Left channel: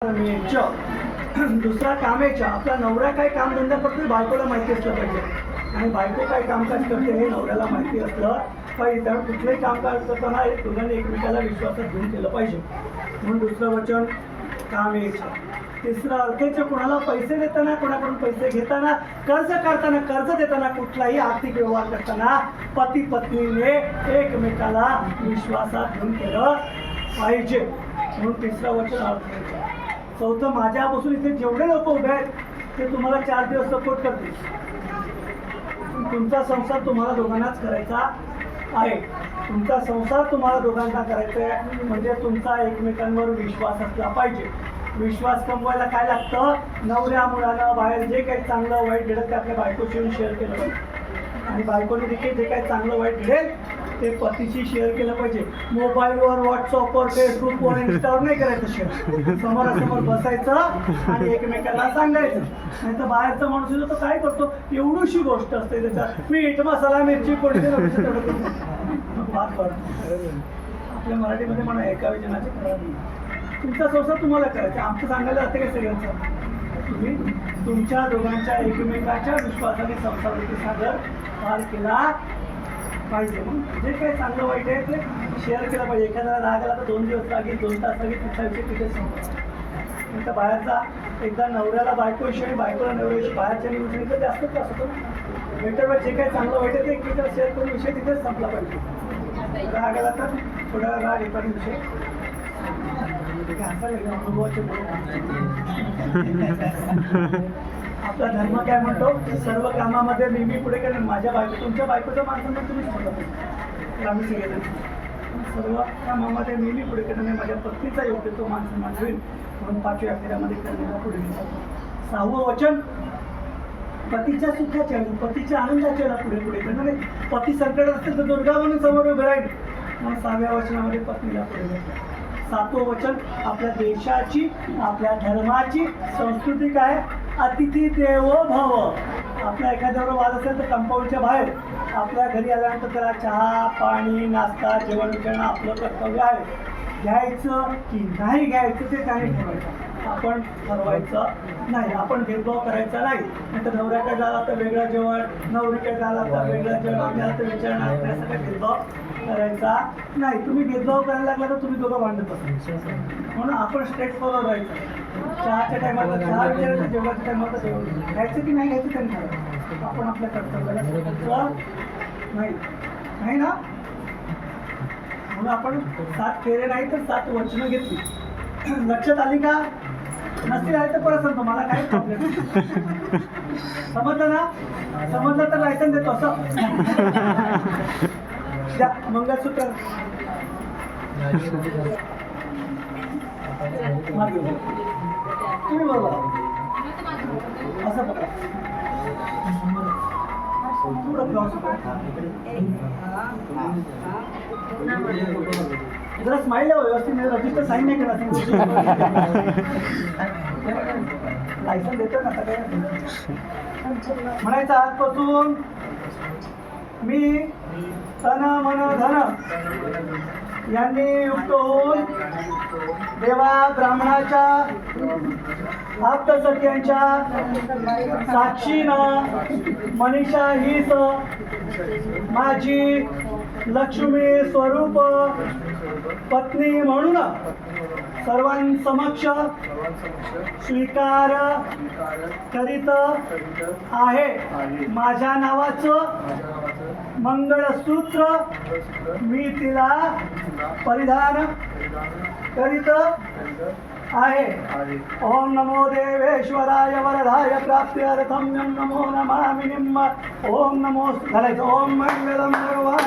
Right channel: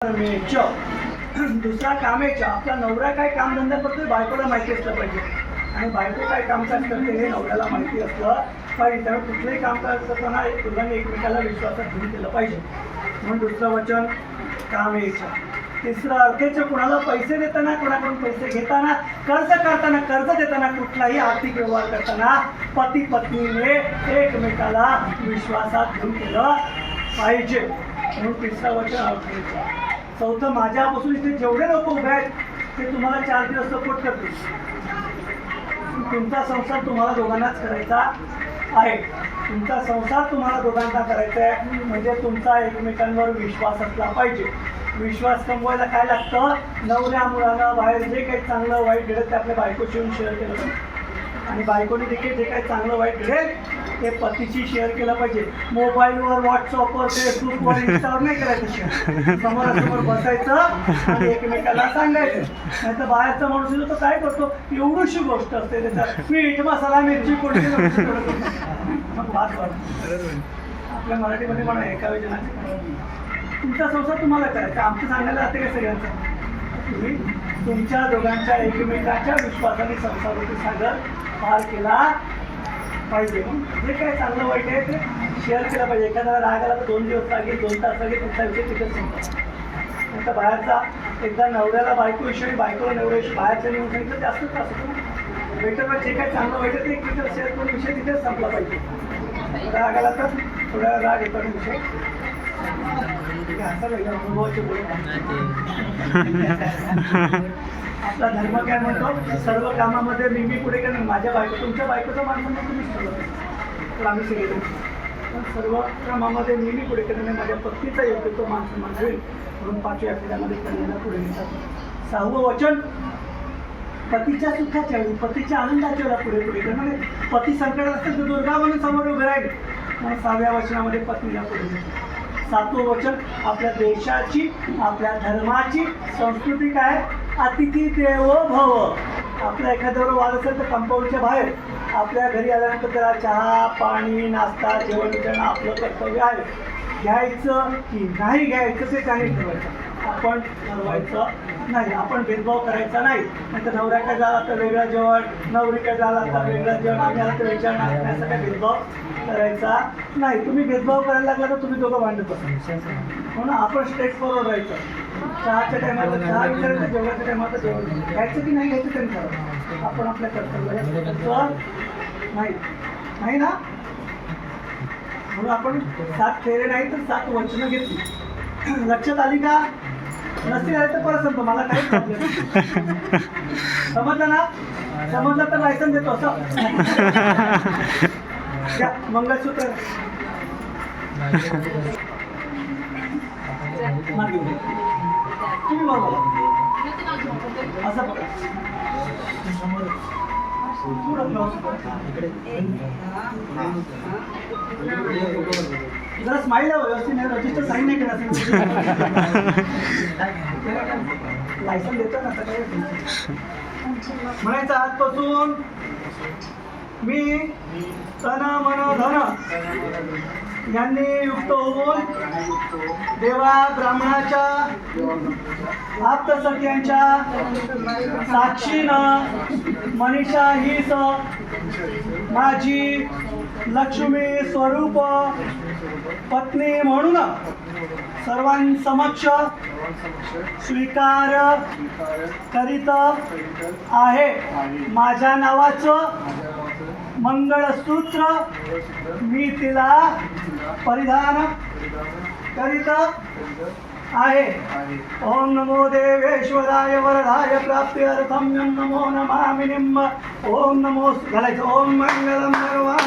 दुसरा कामेच्या आपला नवरा काय कामधंदा करतो बायकोला माहिती असलं पाहिजे आणि बायको काय कामकाज करते हे नवऱ्याला माहिती असलं पाहिजे. त्यामुळे कुठलंही कामकाज करताना दोघांनी एकमेकाला विश्वासात घेऊन केलं पाहिजे. म्हणून दुसरं वचन कामेच्या. तिसरं अर्थेचं कोणाला पैसे देताना, कोणाकडून पैसे घेताना, कर्ज काढताना, कर्ज देताना, कुठलाही आर्थिक व्यवहार करताना पती पत्नीने एकमेकाला विश्वासात घेऊन केलं पाहिजे. म्हणून तिसरं वचन अर्थेचं. चौथं, माझ्यापासून इथे जेवढे लोक उभे आहेत ते तुम्हाला 4 दिवस सपोर्ट करतील. तुमचा संसार तुम्हाला दोघांनाच करायचा आहे. तुमचा संसार तुम्हाला दोघांना करायचा आहे म्हणजे तुमचा एकमेकांवर विश्वास असला पाहिजे. विश्वास कमवायला काय लागतं? नवऱ्या मुलानं बाहेर जे काही चांगलं वाईट घडेल ते आपल्या बायकोशी येऊन शेअर केलं पाहिजे आणि बायकोने देखील जे काही चांगलं वाईट घडेल ते पतीशी शेअर केलं पाहिजे. मोबाईलवर, व्हॉट्सअपवर, फेसबुकवर, इंस्टावर नाही करायचं शेअर. समोरासमोर बसायचं आणि एकमेकाला सांगायचं. नाही तर बाहेरचा माणूस येतो तो काय करतो, एवढीशी गोष्ट असते त्याच्यात मीठ मसाला मिरची कोणती मग बात करतो. आपल्या मराठीमध्ये म्हणा एका विजनाचे तुमचा संसार तुम्हाला करायचा. आमचं सांगायला जाते काय सगळ्यांचं. तुम्ही तुमच्या दोघांच्या एकमेकाच्या विश्वासाने संसाराचे सागर पार केला पाहिजे. मग जे काही चांगलं वाईट आहे ते शेअर केलं पाहिजे. एखाद्याला राग आला तर 2 दिवस लागेल, 2 तास लागेल, तुमचा विषय तिथेच संपला. नंतर बाहेरचा एकदा नवऱ्याला बायकोविषयी, बायकोला नवऱ्याविषयी बाहेरच्या निवडून सांगितलं जास्त त्रास होतो. बेटर जे काही चांगलं वाईट आहे ते एकमेकाला शेअर करून विषय तिथेच संपला पाहिजे. राग आला तर थोड्या राग येतो विषय आपला धर्म काय म्हणतो, सर्व कामामध्ये मी पुढे का नाही. माझ्या बायको, तुमच्या बायकोचं माणसांना तुम्हीच ठरवतो तर आम्ही सगळे पण सर्व कामामध्ये मी पुढे करत नाही. माझ्या पत्नीचा योग्य तो मान सन्मान होईल म्हणून 5व्या फेऱ्यामध्ये करण्याला पुढे नेतात. 6वं वचन पतीच्या सुखाच्या वेळी, पतीच्या आनंदाच्या वेळेला पुढे पुढे करणं. पती संकट असेल तर दुर्गा म्हणून समोर उभे राहील म्हणून 6व्या वचनामध्ये पत्नीला पुढे नेतात. 7वं वचन आपल्या देशाची, आपल्या धर्माची संस्कृती काय, अतिथी देवो भव. आपल्या एखाद्यावर वाद असेल तर कंपाऊंडच्या बाहेर आपल्या घरी आल्यानंतर त्याला चहा पाणी नाश्ता जेवण करणं आपलं कर्तव्य आहे. घ्यायचं की नाही घ्यायचं ते त्याने ठरवायचं, आपण ठरवायचं नाही. आपण भेदभाव करायचा नाही. नंतर नवऱ्याकडे झाला तर वेगळं जेवण, नवरीकडे झाला तर वेगळं जेवण, आम्हाला तर विचारणार नाही. असं काही भेदभाव करायचा नाही. तुम्ही भेदभाव करायला लागला तर तुम्ही दोघं भांडत असाल. म्हणून आपण स्ट्रेट फॉरवर्ड राहायचं. चहाच्या टायमाला चहा विचारायचं, जेवणाच्या टायमाला जेवण घ्यायचं की नाही घ्यायचं त्यांनी ठरवायचं. आपण आपल्या कर्तव्याला नाही ना. म्हणून आपण 7 फेरे नाही तर 7 वचनं घेतली. लक्षात आली का? नसतील आले तर परत सांगतो, मला काही प्रॉब्लेम नाही. समजलं ना? समजलं तर लायसन देतो असं. मंगळसूत्र तुम्ही बरोबर असं बघा. जरा स्माईल आहे व्यवस्थित नाही. रजिस्टर साईन नाही केला लायसन देतो ना सगळे. म्हणायचं आजपासून मी तन मन धन यांनी युक्त होऊन देवा ब्राह्मणाच्या आप्तसख्यांच्या साक्षीनं मनीषा हीच माझी लक्ष्मी स्वरूप पत्नी म्हणून सर्वांसमक्ष स्वीकार करीत आहे. माझ्या नावाचं मंगळसूत्र मी तिला परिधान करीत आहे. ओम नमो देवेश्वराय वरदाय प्राप्त्यर्थम नमो नमामि निम्म. ओम नमो घालायचं. ओम मंगलम सर्वान